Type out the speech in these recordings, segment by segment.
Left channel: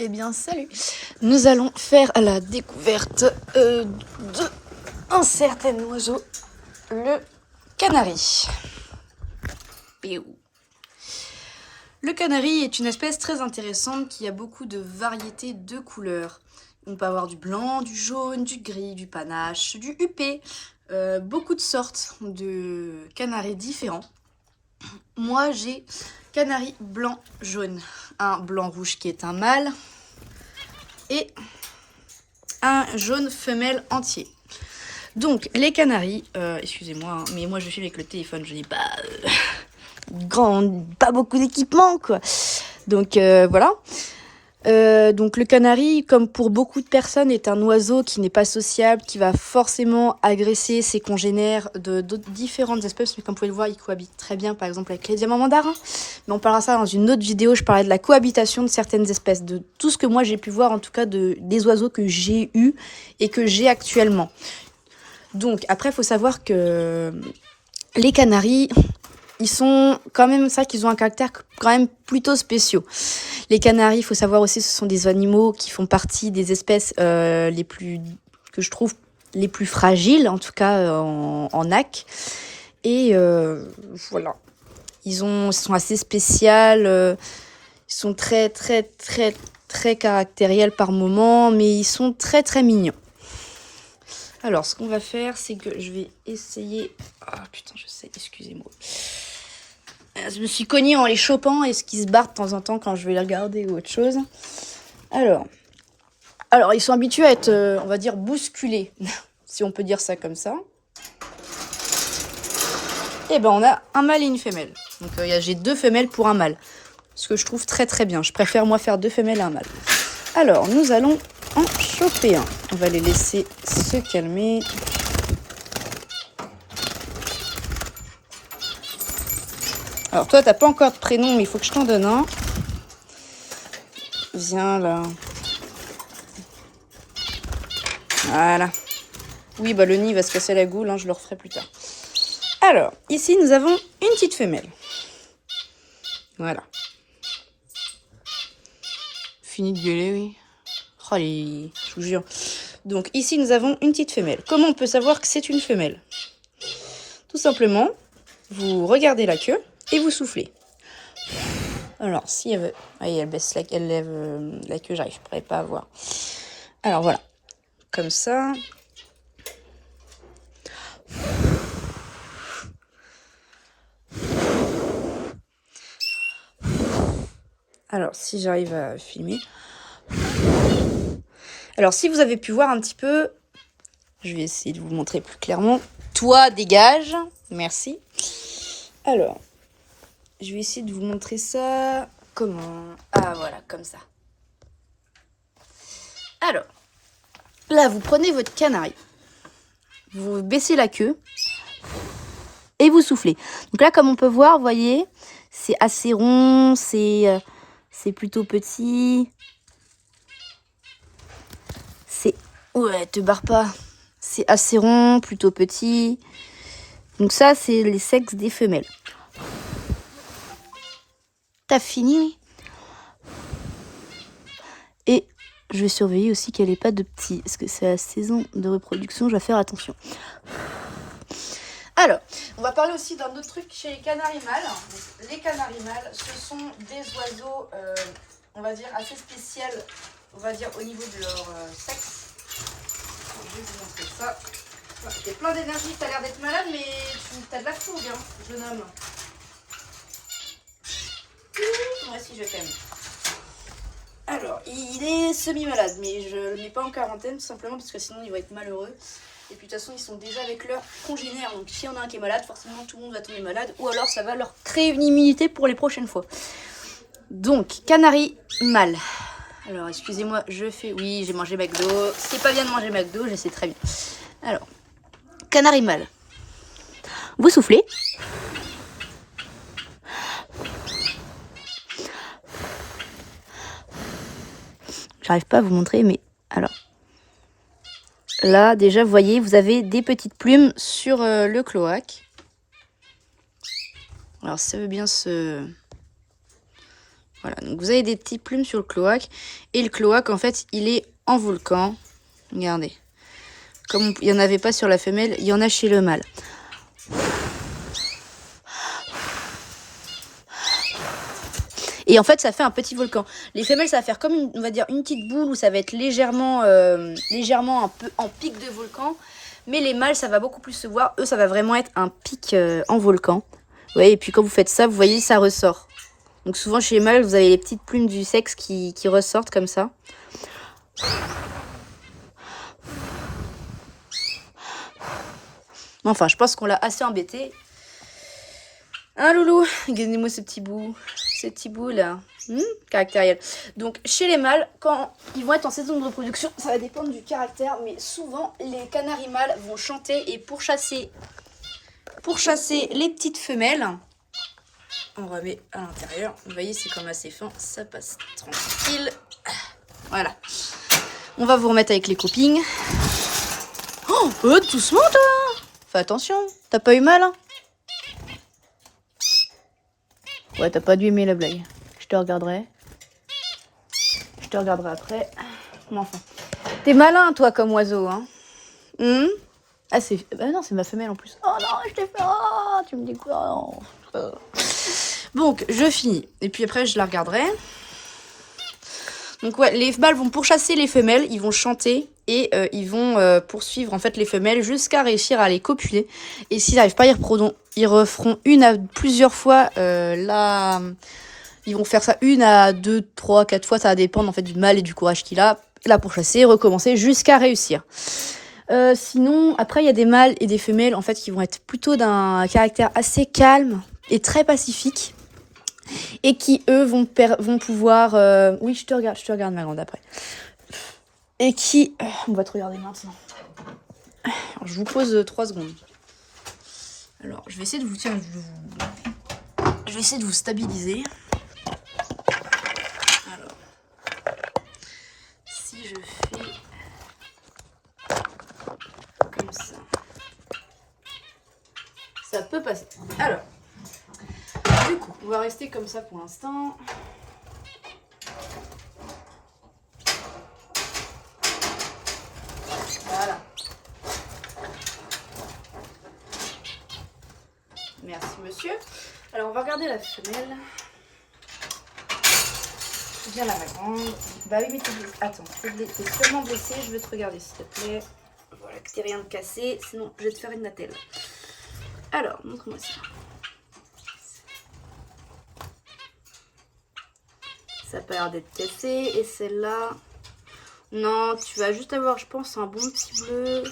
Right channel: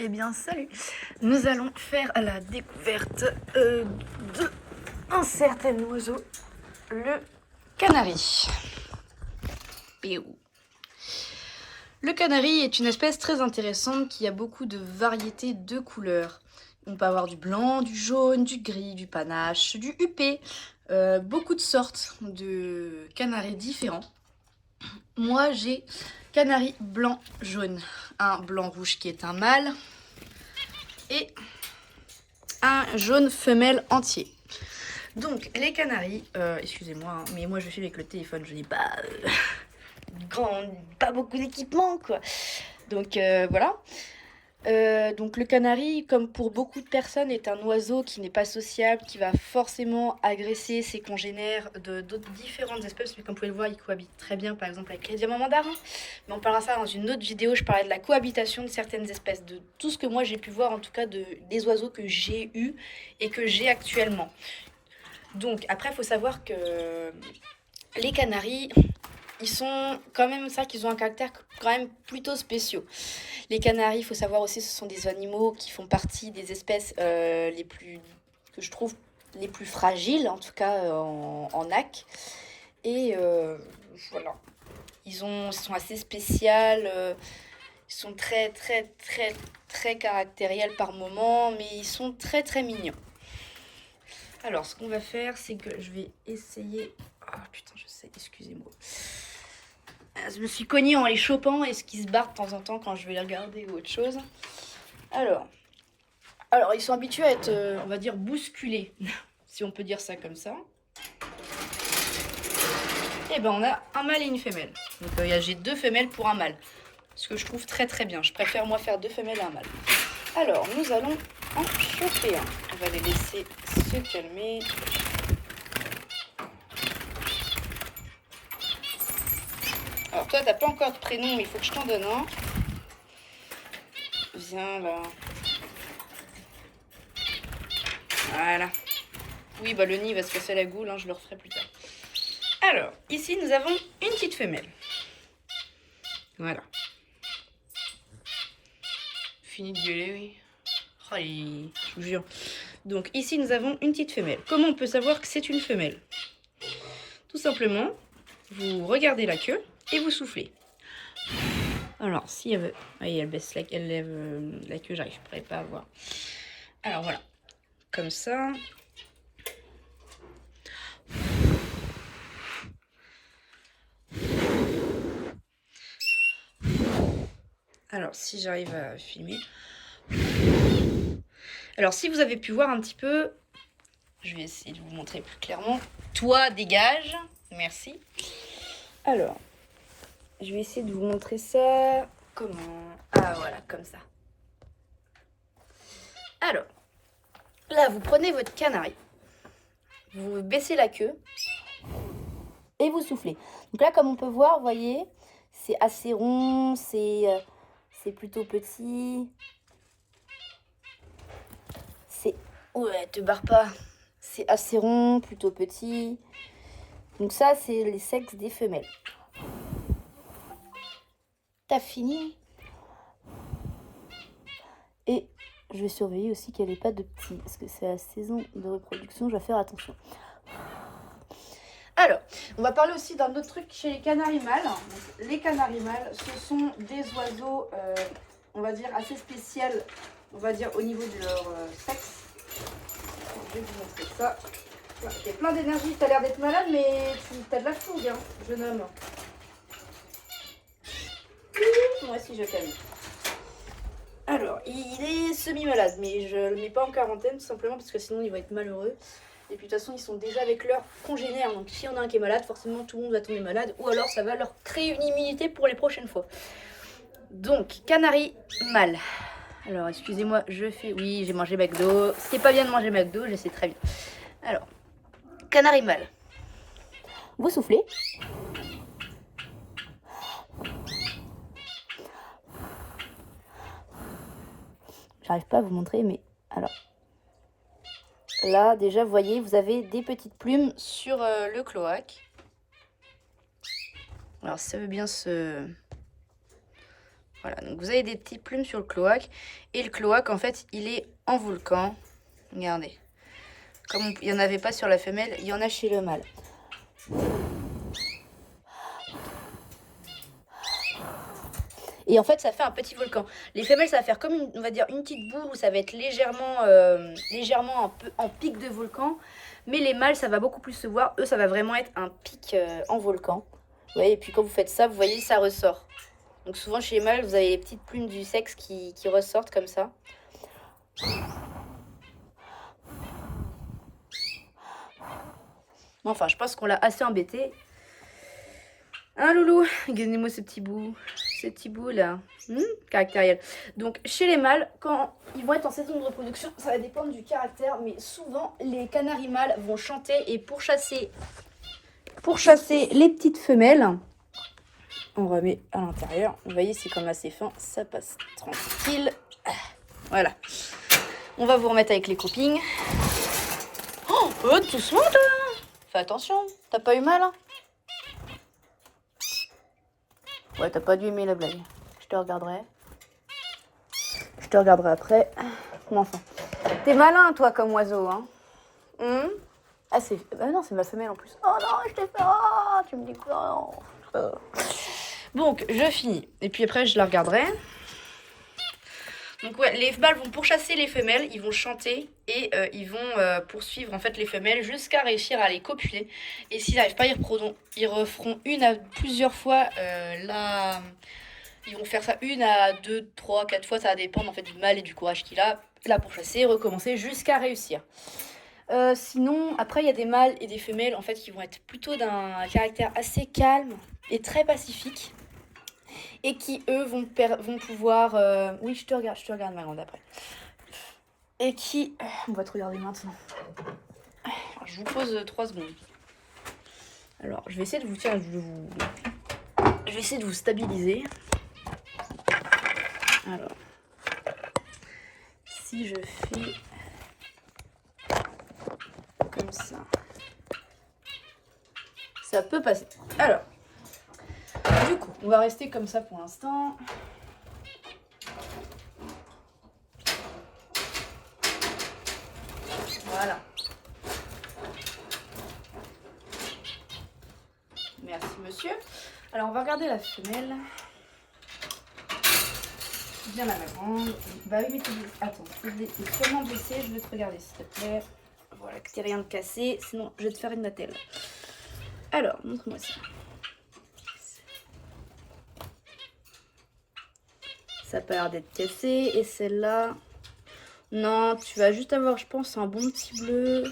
Eh bien, salut! Nous allons faire la découverte d'un certain oiseau, le canari. Piou. Le canari est une espèce très intéressante qui a beaucoup de variétés de couleurs. On peut avoir du blanc, du jaune, du gris, du panache, du huppé, beaucoup de sortes de canaris différents. Moi, j'ai canari blanc-jaune, un blanc-rouge qui est un mâle et un jaune femelle entier. Donc les canaris, excusez-moi, hein, mais moi je suis avec le téléphone, je n'ai pas pas beaucoup d'équipement quoi. Donc voilà. Donc le canari, comme pour beaucoup de personnes, est un oiseau qui n'est pas sociable, qui va forcément agresser ses congénères de différentes espèces. Mais comme vous pouvez le voir, il cohabite très bien, par exemple, avec les diamants mandarins. Mais on parlera ça dans une autre vidéo. Je parlais de la cohabitation de certaines espèces, de tout ce que moi j'ai pu voir, en tout cas des oiseaux que j'ai eus et que j'ai actuellement. Donc après, il faut savoir que les canaris, ils sont quand même, ça qu'ils ont un caractère quand même plutôt spéciaux. Les canaris, il faut savoir aussi, ce sont des animaux qui font partie des espèces les plus, que je trouve les plus fragiles, en tout cas en AC. Et voilà, ils sont assez spéciaux, ils sont très caractériels par moment, mais ils sont très mignons. Alors, ce qu'on va faire, c'est que je vais essayer... Ah putain, je sais, excusez-moi. Je me suis cognée en les chopant et ce qui se barre de temps en temps quand je vais les regarder ou autre chose. Alors ils sont habitués à être, on va dire, bousculés, si on peut dire ça comme ça. Et ben on a un mâle et une femelle. Donc j'ai 2 femelles pour un mâle. Ce que je trouve très bien. Je préfère moi faire 2 femelles et un mâle. Alors nous allons en choper un. On va les laisser se calmer. Alors toi t'as pas encore de prénom mais il faut que je t'en donne un. Viens là. Voilà. Oui bah le nid va se casser la goule, hein, je le referai plus tard. Alors ici nous avons une petite femelle. Voilà. Fini de gueuler, oui. Oh, je vous jure. Donc ici nous avons une petite femelle. Comment on peut savoir que c'est une femelle? Tout simplement, vous regardez la queue et vous soufflez. Alors si elle veut... Oui, elle lève la queue, j'arrive, je pourrais pas voir. Alors voilà. Comme ça. Alors si j'arrive à filmer. Alors si vous avez pu voir un petit peu, je vais essayer de vous montrer plus clairement. Toi, dégage. Merci. Alors, je vais essayer de vous montrer ça. Comment? Ah voilà, comme ça. Alors, là, vous prenez votre canari. Vous baissez la queue. Et vous soufflez. Donc là, comme on peut voir, vous voyez, c'est assez rond, c'est plutôt petit. C'est... Ouais, te barre pas. C'est assez rond, plutôt petit. Donc ça, c'est les sexes des femelles. T'as fini? Et je vais surveiller aussi qu'elle n'ait pas de petits. Parce que c'est la saison de reproduction, je vais faire attention. Alors, on va parler aussi d'un autre truc chez les canaris mâles. Les canaris mâles, ce sont des oiseaux, on va dire, assez spéciaux, on va dire, au niveau de leur sexe. Je vais vous montrer ça. J'ai plein d'énergie, tu as l'air d'être malade, mais tu as de la fougue, hein, jeune homme. Moi aussi, je t'aime. Alors, il est semi-malade, mais je ne le mets pas en quarantaine, tout simplement, parce que sinon, il va être malheureux. Et puis de toute façon, ils sont déjà avec leurs congénères. Donc si on a un qui est malade, forcément tout le monde va tomber malade. Ou alors ça va leur créer une immunité pour les prochaines fois. Donc, canari mâle. Alors, excusez-moi, je fais... Oui, j'ai mangé McDo. C'est pas bien de manger McDo, je sais très bien. Alors, canari mâle. Vous soufflez. J'arrive pas à vous montrer, mais... Alors... Là, déjà, vous voyez, vous avez des petites plumes sur le cloaque. Alors, ça veut bien se Voilà, donc vous avez des petites plumes sur le cloaque. Et le cloaque, en fait, il est en volcan. Regardez. Comme il n'y en avait pas sur la femelle, il y en a chez le mâle. Et en fait, ça fait un petit volcan. Les femelles, ça va faire comme, on va dire, une petite boule où ça va être légèrement un peu en pic de volcan. Mais les mâles, ça va beaucoup plus se voir. Eux, ça va vraiment être un pic en volcan. Ouais, et puis quand vous faites ça, vous voyez, ça ressort. Donc souvent, chez les mâles, vous avez les petites plumes du sexe qui ressortent comme ça. Enfin, je pense qu'on l'a assez embêté. Hein, loulou? Regardez-moi ce petit bout. Ces petits bouts là, caractériel. Donc chez les mâles, quand ils vont être en saison de reproduction, ça va dépendre du caractère, mais souvent les canaris mâles vont chanter et pour chasser les petites femelles, on remet à l'intérieur. Vous voyez, c'est comme assez fin, ça passe tranquille. Voilà. On va vous remettre avec les copines. Oh, doucement toi. Fais attention, t'as pas eu mal hein? Ouais, t'as pas dû aimer la blague. Je te regarderai. Je te regarderai après. Mon enfant. T'es malin, toi, comme oiseau, hein. Ah, c'est... Bah non, c'est ma femelle, en plus. Oh non, je t'ai fait... Oh, tu me dis quoi? Oh. Donc, je finis. Et puis après, je la regarderai. Donc, ouais, les mâles vont pourchasser les femelles. Ils vont chanter. Et ils vont poursuivre, en fait, les femelles jusqu'à réussir à les copuler. Et s'ils n'arrivent pas, ils referont une à plusieurs fois la... Ils vont faire ça 1 à 2, 3, 4 fois. Ça va dépendre, en fait, du mâle et du courage qu'il a. Là, pourchasser, recommencer jusqu'à réussir. Sinon, après, il y a des mâles et des femelles, en fait, qui vont être plutôt d'un caractère assez calme et très pacifique. Et qui, eux, vont pouvoir... Oui, je te regarde, ma grande, après. Et qui... On va te regarder maintenant. Alors, je vous pose 3 secondes. Alors, je vais essayer de vous... Tiens, je vais essayer de vous stabiliser. Alors... Si je fais... Comme ça... Ça peut passer. Alors... Du coup, on va rester comme ça pour l'instant. Voilà. Merci, monsieur. Alors, on va regarder la femelle. Viens là, ma grande. Bah oui, mais t'es blessée. Attends, t'es seulement blessée. Je vais te regarder, s'il te plaît. Voilà, que t'aies rien de cassé. Sinon, je vais te faire une attelle. Alors, montre-moi ça. Ça n'a pas l'air d'être cassé. Et celle-là... Non, tu vas juste avoir, je pense, un bon petit bleu.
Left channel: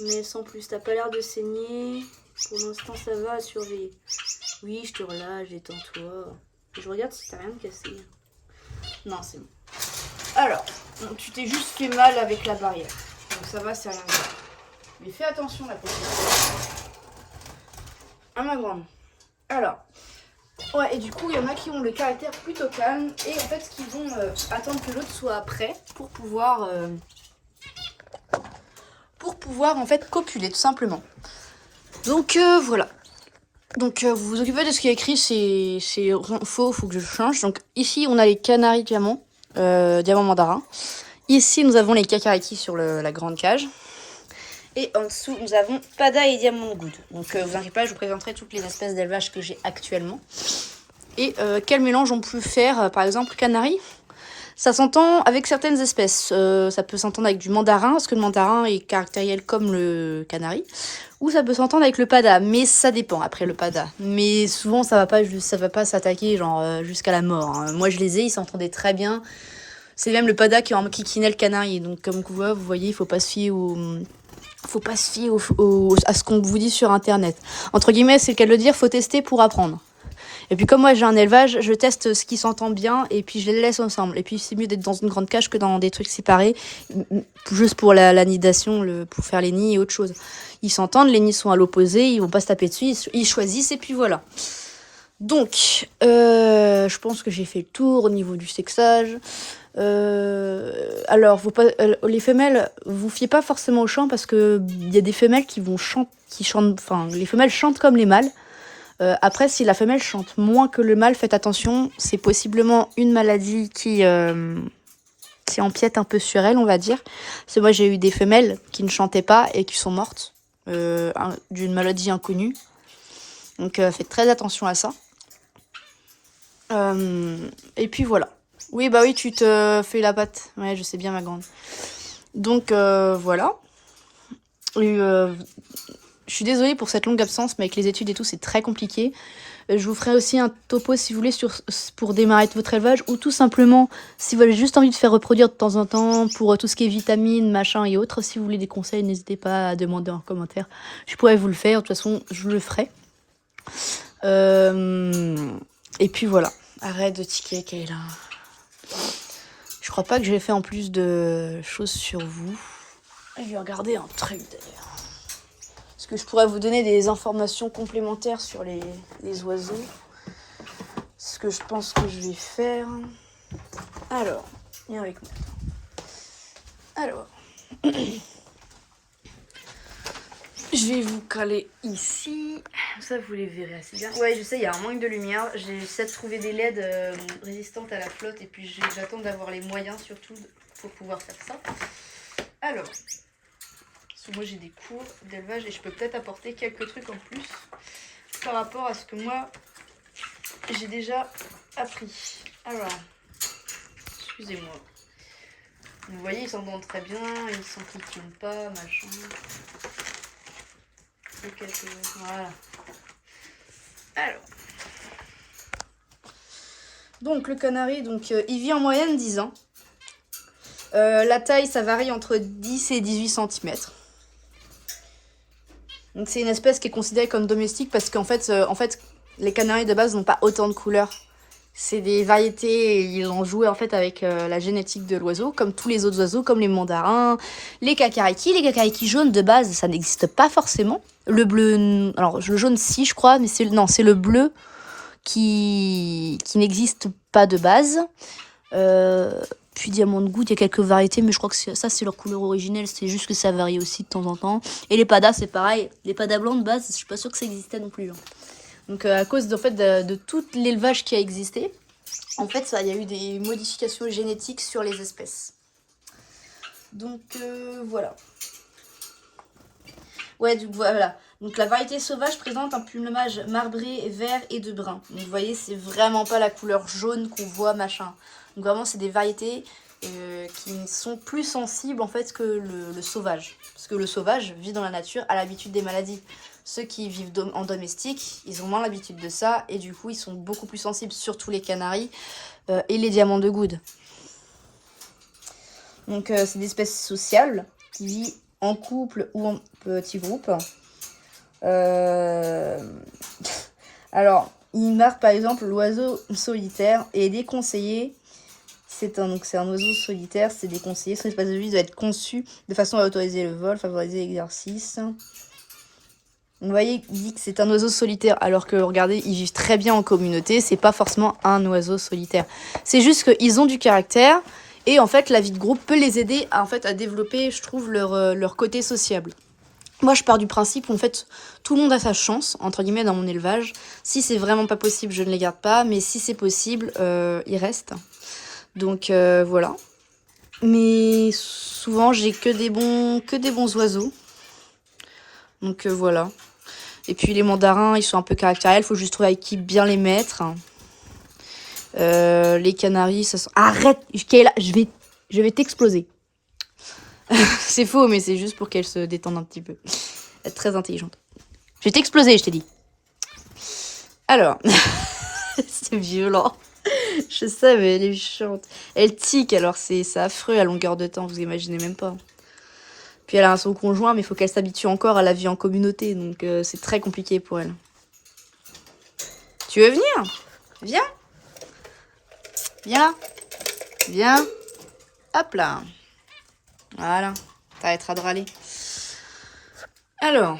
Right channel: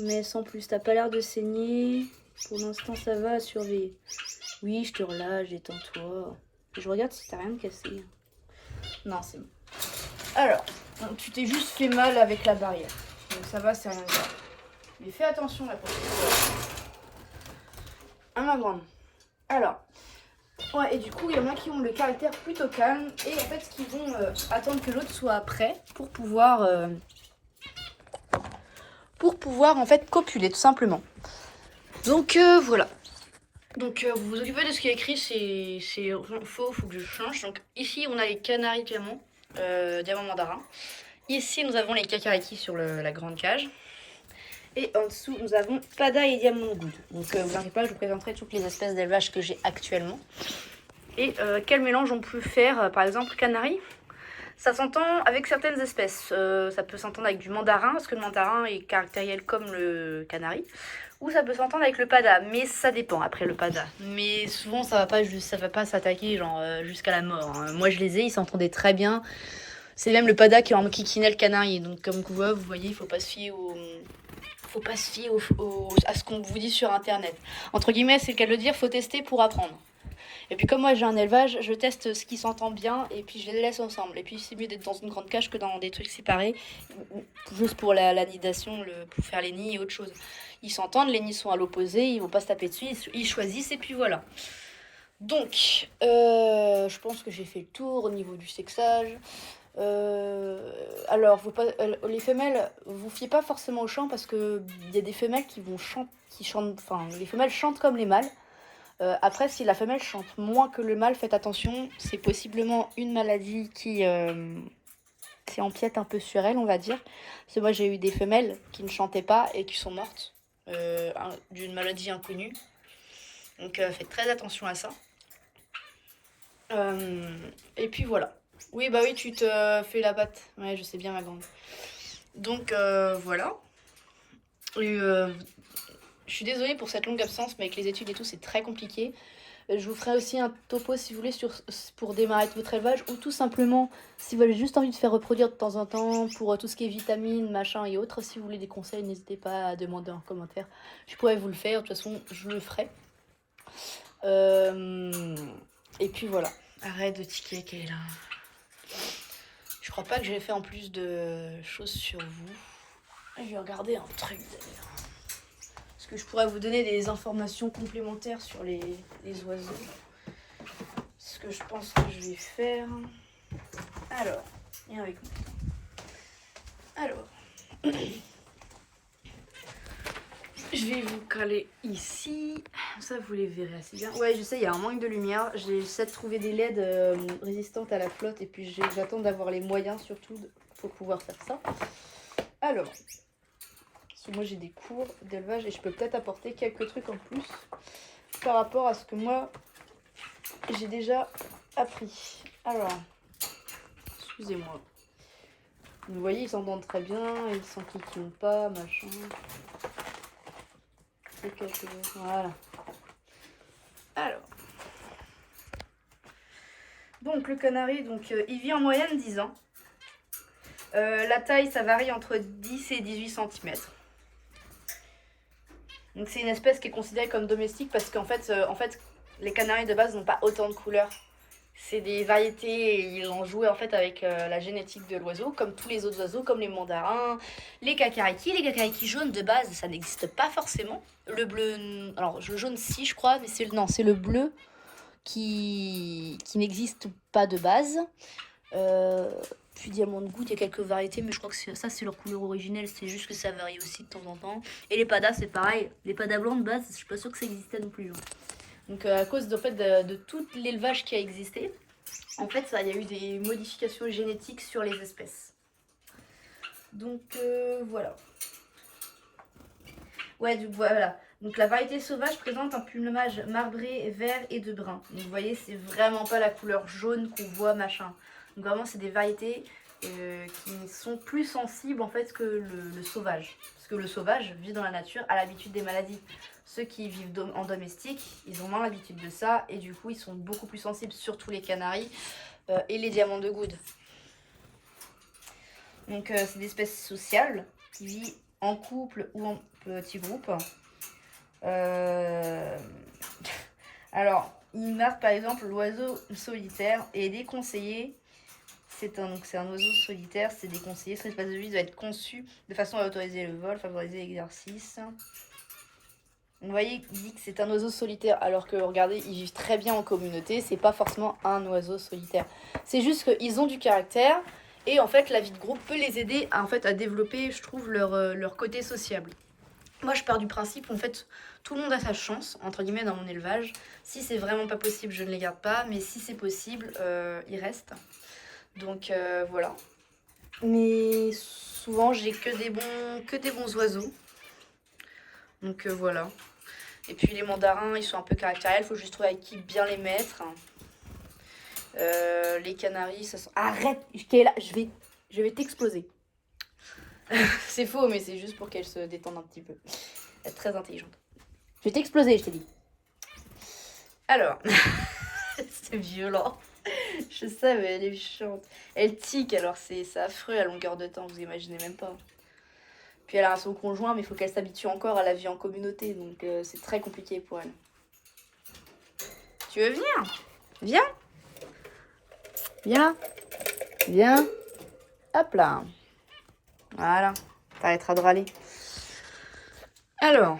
Mais sans plus, t'as pas l'air de saigner. Pour l'instant, ça va à surveiller. Oui, je te relâche, détends-toi. Je regarde si t'as rien de cassé. Non, c'est bon. Alors, tu t'es juste fait mal avec la barrière. Donc ça va, c'est rien de grave. Mais fais attention la prochaine fois. À ma grande. Alors, ouais, et du coup, il y en a qui ont le caractère plutôt calme. Et en fait, qui vont attendre que l'autre soit prêt pour pouvoir en fait copuler, tout simplement. Donc voilà. Donc vous vous occupez de ce qui est écrit, c'est faux, faut que je change. Donc ici, on a les canaris diamants, diamant mandarin. Ici, nous avons les kakariki sur la grande cage. Et en dessous, nous avons pada et diamant good. Donc vous inquiétez pas, je vous présenterai toutes les espèces d'élevage que j'ai actuellement. Et quel mélange on peut faire, par exemple, canari. Ça s'entend avec certaines espèces. Ça peut s'entendre avec du mandarin, parce que le mandarin est caractériel comme le canari. Ou ça peut s'entendre avec le pada, mais ça dépend après le pada. Mais souvent, ça va pas s'attaquer genre jusqu'à la mort. Hein. Moi, je les ai, ils s'entendaient très bien. C'est même le pada qui enquiquinait le canari. Donc, comme vous voyez, il faut pas se fier à ce qu'on vous dit sur Internet. Entre guillemets, c'est le cas de le dire, faut tester pour apprendre. Et puis comme moi j'ai un élevage, je teste ce qui s'entend bien et puis je les laisse ensemble. Et puis c'est mieux d'être dans une grande cage que dans des trucs séparés, juste pour la nidation, pour faire les nids et autre chose. Ils s'entendent, les nids sont à l'opposé, ils vont pas se taper dessus, ils choisissent et puis voilà. Donc, je pense que j'ai fait le tour au niveau du sexage. Alors, les femelles, vous fiez pas forcément au chant parce que il y a des femelles qui chantent, enfin, les femelles chantent comme les mâles. Après, si la femelle chante moins que le mâle, faites attention. C'est possiblement une maladie qui empiète un peu sur elle, on va dire. Parce que moi, j'ai eu des femelles qui ne chantaient pas et qui sont mortes d'une maladie inconnue. Donc, faites très attention à ça. Et puis voilà. Oui, bah oui, tu te fais la patte. Ouais, je sais bien, ma grande. Donc, voilà. Et, je suis désolée pour cette longue absence, mais avec les études et tout, c'est très compliqué. Je vous ferai aussi un topo, si vous voulez, pour démarrer votre élevage, ou tout simplement, si vous avez juste envie de faire reproduire de temps en temps, pour tout ce qui est vitamines, machin et autres, si vous voulez des conseils, n'hésitez pas à demander en commentaire. Je pourrais vous le faire, de toute façon, je le ferai. Et puis voilà. Arrête de tiquer, Kayla. Je crois pas que j'ai fait en plus de choses sur vous. Je vais regarder un truc d'ailleurs. Parce que je pourrais vous donner des informations complémentaires sur les oiseaux. C'est ce que je pense que je vais faire. Alors, viens avec moi. Alors, je vais vous caler ici. Ça, vous les verrez assez bien. Ouais, je sais, il y a un manque de lumière. J'essaie de trouver des LED résistantes à la flotte. Et puis, j'attends d'avoir les moyens, surtout, pour pouvoir faire ça. Alors, parce que moi, j'ai des cours d'élevage et je peux peut-être apporter quelques trucs en plus par rapport à ce que moi, j'ai déjà appris. Alors, excusez-moi. Vous voyez, ils s'entendent très bien, ils s'enquiquinent pas, machin. Voilà. Alors. Donc, le canari, il vit en moyenne 10 ans. La taille, ça varie entre 10 et 18 cm. Donc, c'est une espèce qui est considérée comme domestique parce qu'en fait, les canaris de base n'ont pas autant de couleurs. C'est des variétés, et ils ont joué en fait avec la génétique de l'oiseau, comme tous les autres oiseaux, comme les mandarins, les kakariki. Les kakariki jaunes de base, ça n'existe pas forcément. Le bleu, alors le jaune si je crois, mais c'est le bleu qui n'existe pas de base. Puis diamant de goutte, il y a quelques variétés, mais je crois que ça c'est leur couleur originelle, c'est juste que ça varie aussi de temps en temps. Et les padas, c'est pareil. Les padas blancs de base, je suis pas sûre que ça existait non plus. Hein. Donc à cause de tout l'élevage qui a existé, en fait, il y a eu des modifications génétiques sur les espèces. Donc voilà. Ouais, voilà. Donc la variété sauvage présente un plumage marbré, vert et de brun. Donc vous voyez, c'est vraiment pas la couleur jaune qu'on voit, machin. Donc vraiment, c'est des variétés qui sont plus sensibles en fait que le sauvage. Parce que le sauvage vit dans la nature, a l'habitude des maladies. Ceux qui vivent en domestique, ils ont moins l'habitude de ça et du coup, ils sont beaucoup plus sensibles, surtout les canaris et les diamants de goude. Donc, c'est des espèces sociables qui vivent en couple ou en petits groupes. Alors, il marque par exemple l'oiseau solitaire et est déconseillé. C'est un oiseau solitaire, c'est déconseillé. Son espace de vie doit être conçu de façon à autoriser le vol, favoriser l'exercice. Vous voyez, il dit que c'est un oiseau solitaire, alors que, regardez, ils vivent très bien en communauté. C'est pas forcément un oiseau solitaire. C'est juste qu'ils ont du caractère. Et en fait, la vie de groupe peut les aider à développer, je trouve, leur côté sociable. Moi, je pars du principe où, en fait, tout le monde a sa chance, entre guillemets, dans mon élevage. Si c'est vraiment pas possible, je ne les garde pas. Mais si c'est possible, ils restent. Donc, voilà. Mais souvent, j'ai que des bons oiseaux. Donc, voilà. Et puis, les mandarins, ils sont un peu caractériels. Il faut juste trouver avec qui bien les mettre. Les canaris, ça sent... Arrête, Kayla, je vais t'exploser. C'est faux, mais c'est juste pour qu'elle se détende un petit peu. Elle est très intelligente. Je vais t'exploser, je t'ai dit. Alors, c'est violent. Je sais, mais elle est chiante. Elle tique, alors c'est affreux à longueur de temps, vous imaginez même pas. Puis elle a son conjoint, mais il faut qu'elle s'habitue encore à la vie en communauté, donc c'est très compliqué pour elle. Tu veux venir? Viens. Viens. Viens. Hop là. Voilà. T'arrêteras de râler. Alors.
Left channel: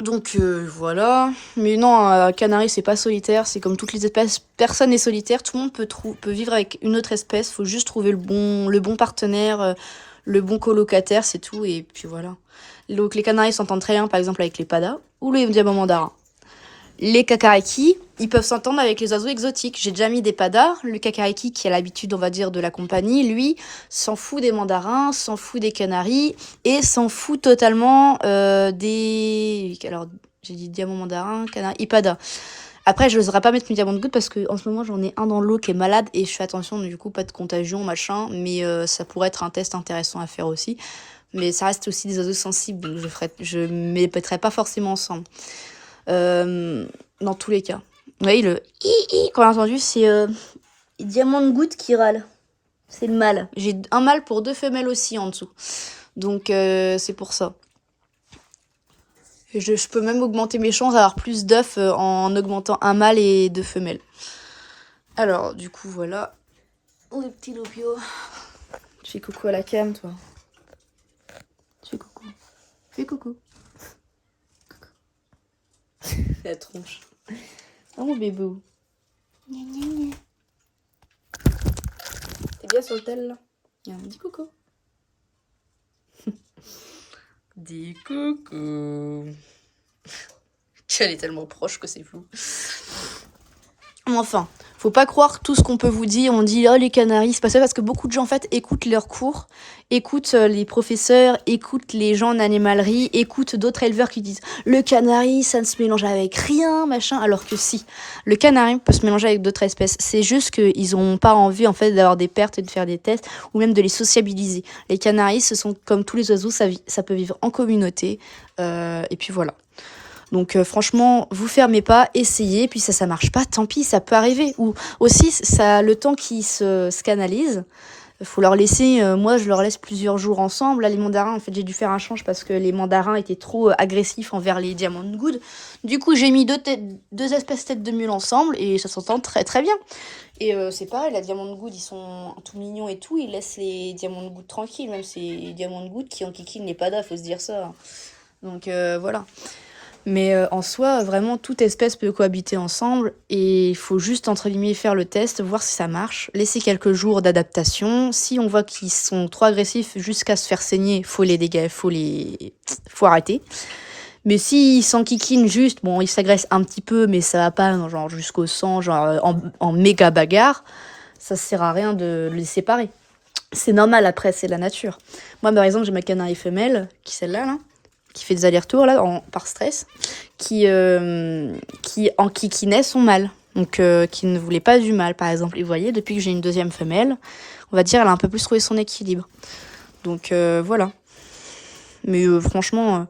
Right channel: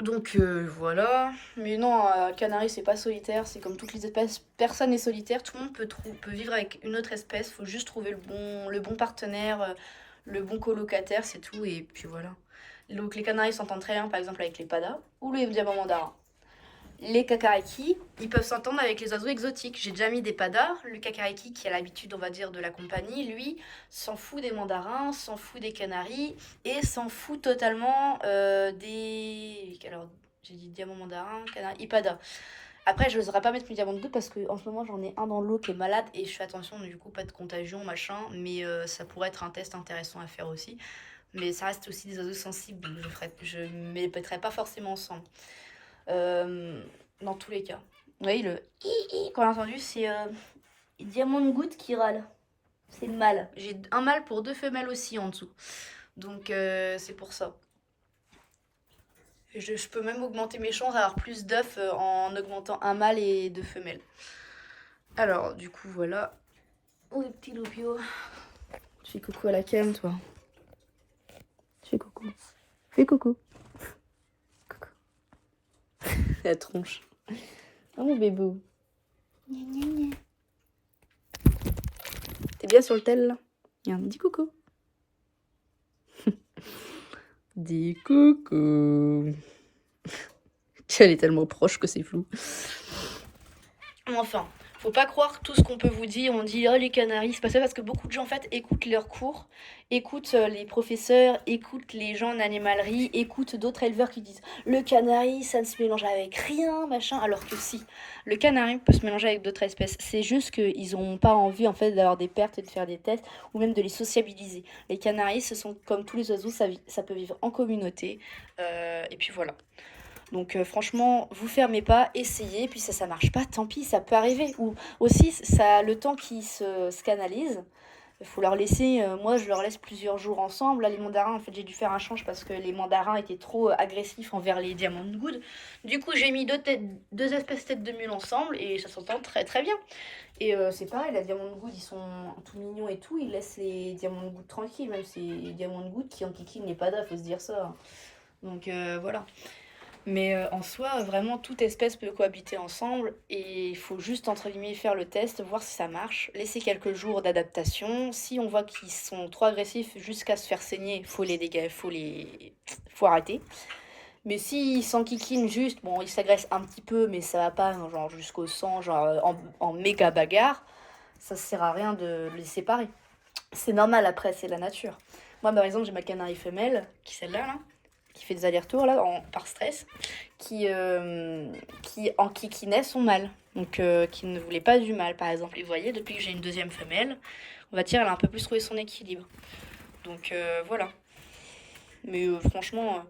Donc voilà. Mais non, canari, c'est pas solitaire. C'est comme toutes les espèces. Personne n'est solitaire. Tout le monde peut vivre avec une autre espèce. Faut juste trouver le bon partenaire, le bon colocataire, c'est tout. Et puis voilà. Donc les canaris s'entendent très bien, par exemple, avec les padas ou les diamants mandarins. Les kakariki, ils peuvent s'entendre avec les oiseaux exotiques. J'ai déjà mis des padars. Le kakariki, qui a l'habitude, on va dire, de la compagnie, lui, s'en fout des mandarins, s'en fout des canaris et s'en fout totalement des... Alors, j'ai dit diamant mandarin, canari, ipada. Après, je n'oserais pas mettre mes diamants de goutte parce qu'en ce moment, j'en ai un dans l'eau qui est malade et je fais attention, du coup, pas de contagion, machin. Mais ça pourrait être un test intéressant à faire aussi. Mais ça reste aussi des oiseaux sensibles, donc je ne mettrai pas forcément ensemble. Dans tous les cas. Vous voyez, le i qu'on a entendu, c'est diamant de goutte qui râle. C'est le mâle. J'ai un mâle pour 2 femelles aussi en dessous. Donc, c'est pour ça. Je peux même augmenter mes chances d'avoir plus d'œufs en augmentant un mâle et 2 femelles. Alors, du coup, voilà. Oh, le petit Lopio. Tu fais coucou à la cam, toi. Tu fais coucou. Fais coucou. Coucou. La tronche. Oh, mon bébé. T'es bien sur le tel, là? Dis coucou. Dis coucou. Elle est tellement proche que c'est flou. Enfin, faut pas croire tout ce qu'on peut vous dire. On dit, oh, les canaris, c'est pas ça, parce que beaucoup de gens, en fait, écoutent leurs cours, écoutent les professeurs, écoutent les gens en animalerie, écoutent d'autres éleveurs qui disent, le canari, ça ne se mélange avec rien, machin. Alors que si, le canari peut se mélanger avec d'autres espèces. C'est juste qu'ils n'ont pas envie, en fait, d'avoir des pertes et de faire des tests, ou même de les sociabiliser. Les canaris, ce sont comme tous les oiseaux, ça peut vivre en communauté. Et puis voilà. Donc franchement, vous fermez pas, essayez, puis ça marche pas, tant pis, ça peut arriver. Ou aussi, ça, le temps qui se canalise, il faut leur laisser, moi je leur laisse plusieurs jours ensemble. Là, les mandarins, en fait, j'ai dû faire un change parce que les mandarins étaient trop agressifs envers les diamants de good. Du coup, j'ai mis deux espèces têtes de mule ensemble et ça s'entend très très bien. Et c'est pareil, les diamants de good, ils sont tout mignons et tout, ils laissent les diamants de good tranquilles, même ces diamants de good qui enquiquinent les padas, faut se dire ça. Donc voilà. Mais en soi, vraiment, toute espèce peut cohabiter ensemble et il faut juste, entre guillemets, faire le test, voir si ça marche, laisser quelques jours d'adaptation. Si on voit qu'ils sont trop agressifs jusqu'à se faire saigner, faut faut arrêter. Mais s'ils s'enquiquinent juste, bon, ils s'agressent un petit peu, mais ça va pas genre jusqu'au sang, genre en méga bagarre, ça sert à rien de les séparer. C'est normal, après, c'est la nature. Moi, par exemple, j'ai ma canari femelle, qui est celle-là, là, qui fait des allers-retours là par stress, qui enquiquinait son mâle, donc qui ne voulait pas du mâle par exemple. Et vous voyez, depuis que j'ai une deuxième femelle, on va dire elle a un peu plus trouvé son équilibre. Donc voilà. Mais franchement,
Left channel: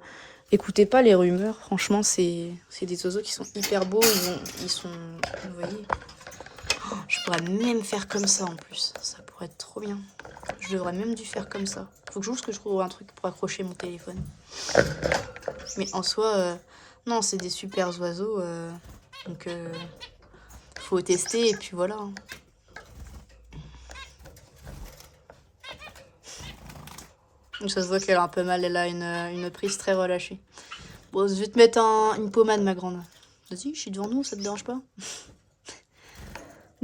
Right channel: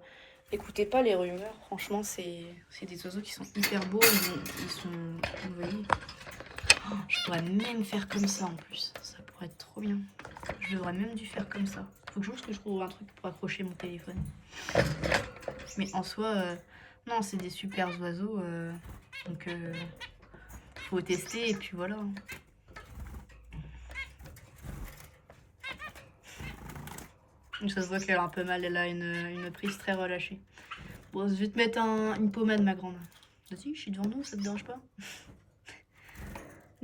écoutez pas les rumeurs. Franchement, c'est des oiseaux qui sont hyper beaux. Ils sont, vous voyez. Oh, je pourrais même faire comme ça en plus. Ça pourrait être trop bien. Je devrais même dû faire comme ça. Faut que je trouve un truc pour accrocher mon téléphone. Mais en soi, non, c'est des super oiseaux. Donc, faut tester et puis voilà. Ça se voit qu'elle a un peu mal. Elle a une prise très relâchée. Bon, je vais te mettre une pommade, ma grande. Vas-y, je suis devant nous, ça te dérange pas?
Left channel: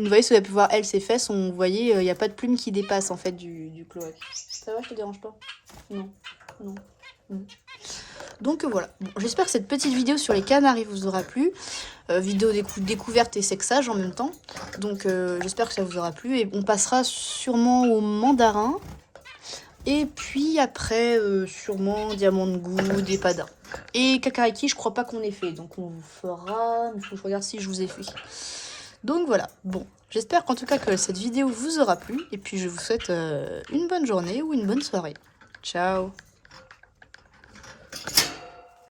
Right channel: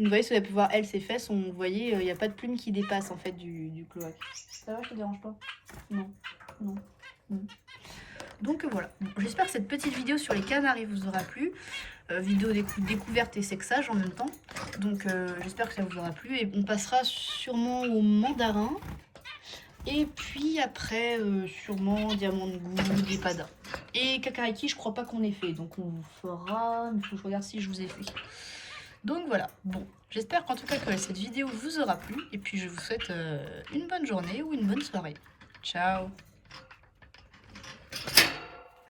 Vous voyez, si vous avez pu voir, elle, ses fesses, vous voyez, il n'y a pas de plume qui dépasse, en fait, du cloaque. Ça va, je te dérange pas? Non, non, non. Donc voilà, bon, j'espère que cette petite vidéo sur les canaris vous aura plu. Vidéo découverte et sexage en même temps. Donc j'espère que ça vous aura plu. Et on passera sûrement au mandarin. Et puis après, sûrement diamant de goût, des padas. Et kakariki, je crois pas qu'on ait fait. Donc on vous fera... Il faut que je regarde si je vous ai fait. Donc voilà, bon, j'espère qu'en tout cas que cette vidéo vous aura plu. Et puis je vous souhaite une bonne journée ou une bonne soirée. Ciao!